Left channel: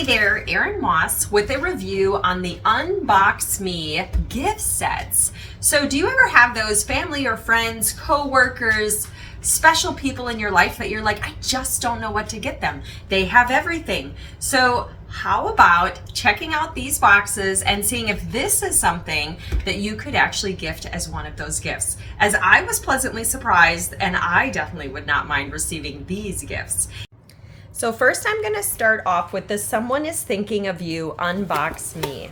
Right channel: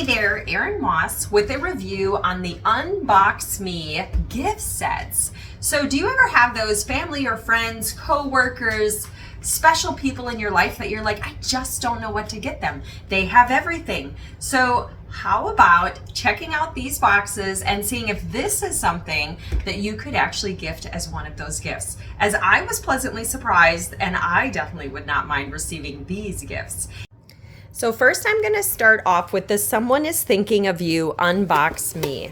Hey there, Erin Moss with a review on the Unbox Me gift sets. So do you ever have those family or friends, co-workers, special people in your life that you're like, I just don't know what to get them? They have everything. So how about checking out these boxes and seeing if this is something that you could actually gift as one of those gifts? As I was pleasantly surprised, and I definitely would not mind receiving these gifts. So first I'm going to start off with this Someone is Thinking of You Unbox Me.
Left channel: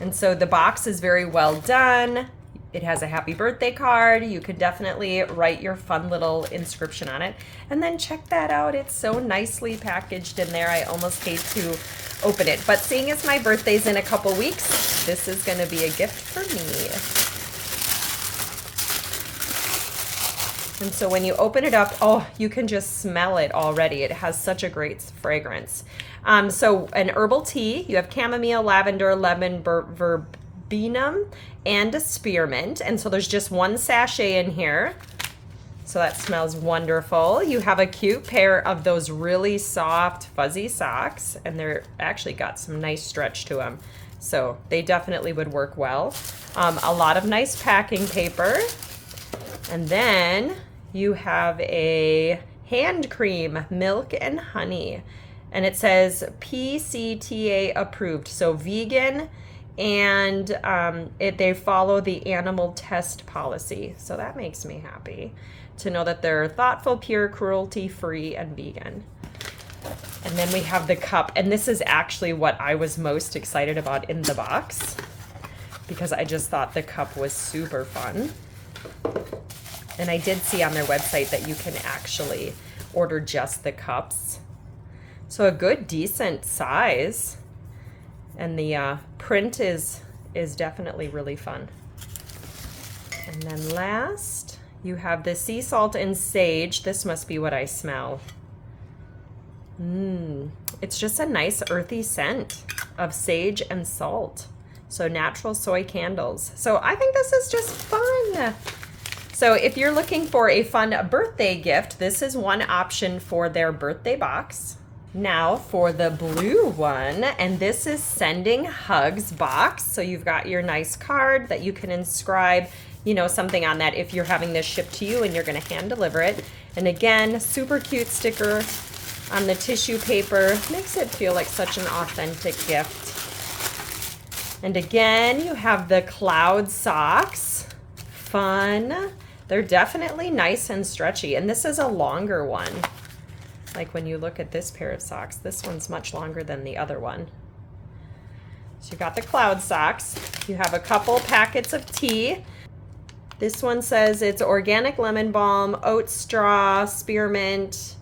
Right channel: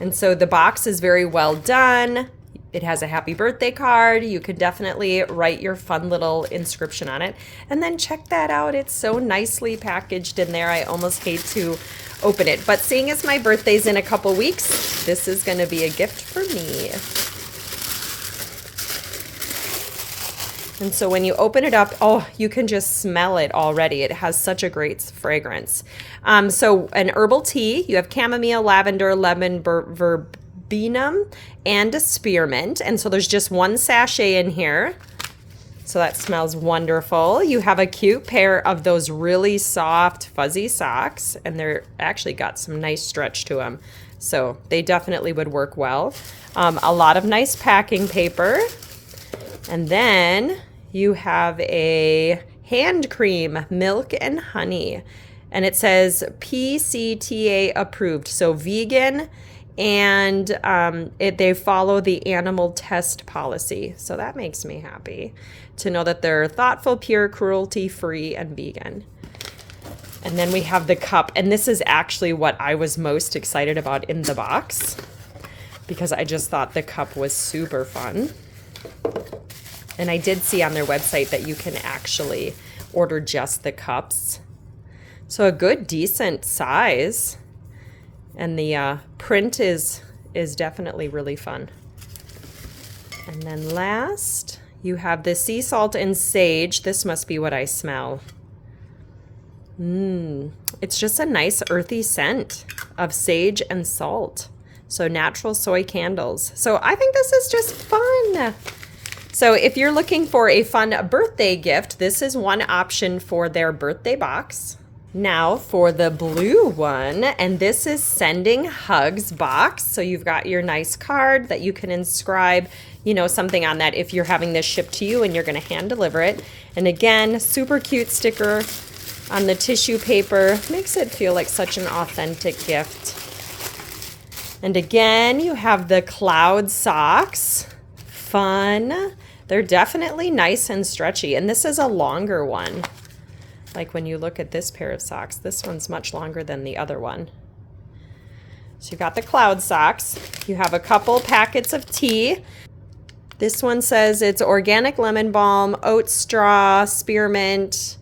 And so the box is very well done. It has a happy birthday card. You could definitely write your fun little inscription on it. And then check that out. It's so nicely packaged in there. I almost hate to open it. But seeing as my birthday's in a couple weeks, this is going to be a gift for me. And so when you open it up, oh, you can just smell it already. It has such a great fragrance. So an herbal tea, you have chamomile, lavender, lemon, verbena, and a spearmint. And so there's just one sachet in here. So that smells wonderful. You have a cute pair of those really soft, fuzzy socks, and they're actually got some nice stretch to them. So they definitely would work well. A lot of nice packing paper. And then you have a hand cream, milk and honey. And it says PCTA approved, so vegan, and they follow the animal test policy. So that makes me happy to know that they're thoughtful, pure, cruelty-free, and vegan. And then we have the cup, and this is actually what I was most excited about in the box because I just thought the cup was super fun. And I did see on their website that you can actually order just the cups. So a good, decent size. And the print is definitely really fun. And then last, you have the sea salt and sage. This must be what I smell. It's just a nice earthy scent of sage and salt. So natural soy candles. So I think this is just fun. So if you're looking for a fun birthday gift, this is one option for their birthday box. Now for the blue one, and this is Sending Hugs box. So you've got your nice card that you can inscribe, you know, something on that if you're having this shipped to you and you're going to hand deliver it. And again, super cute sticker on the tissue paper. Makes it feel like such an authentic gift. And again, you have the cloud socks. Fun. They're definitely nice and stretchy, and this is a longer one. Like when you look at this pair of socks, this one's much longer than the other one. So you've got the cloud socks. You have a couple packets of tea. This one says it's organic lemon balm, oat straw, spearmint,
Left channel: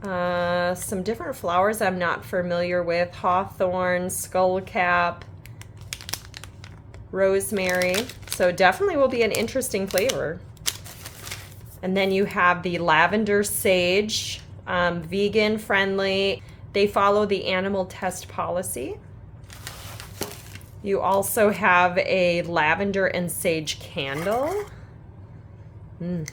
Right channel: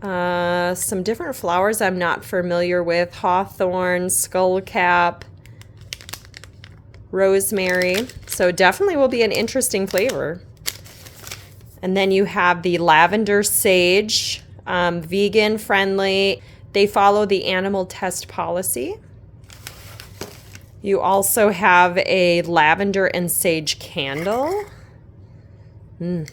some different flowers I'm not familiar with, hawthorn, skullcap, rosemary. So definitely will be an interesting flavor. And then you have the lavender sage, vegan friendly. They follow the animal test policy. You also have a lavender and sage candle.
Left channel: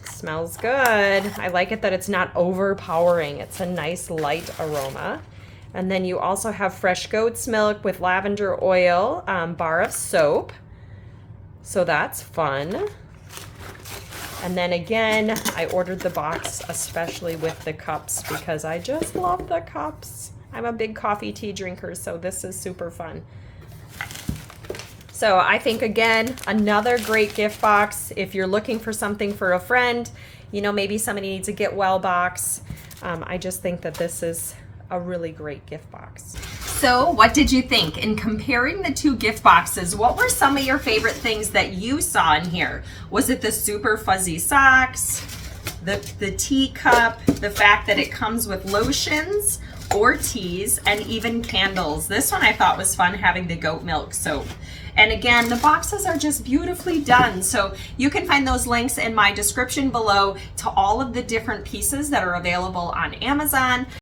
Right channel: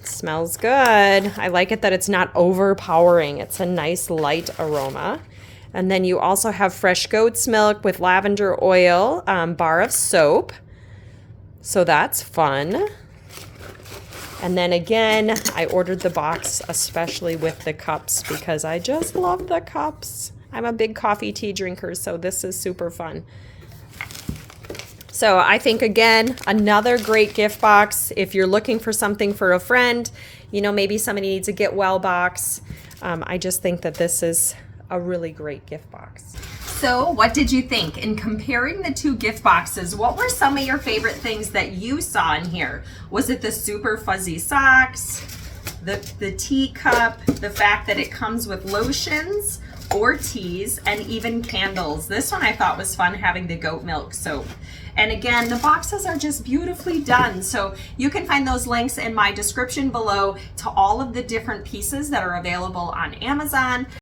Smells good. I like it that it's not overpowering. It's a nice light aroma. And then you also have fresh goat's milk with lavender oil, bar of soap. So that's fun. And then again, I ordered the box especially with the cups because I just love the cups. I'm a big coffee tea drinker, so this is super fun. So I think, again, another great gift box. If you're looking for something for a friend, you know, maybe somebody needs a get well box. I just think that this is a really great gift box. So what did you think? In comparing the two gift boxes, what were some of your favorite things that you saw in here? Was it the super fuzzy socks, the teacup, the fact that it comes with lotions or teas, and even candles? This one I thought was fun, having the goat milk soap. And again, the boxes are just beautifully done. So you can find those links in my description below to all of the different pieces that are available on Amazon.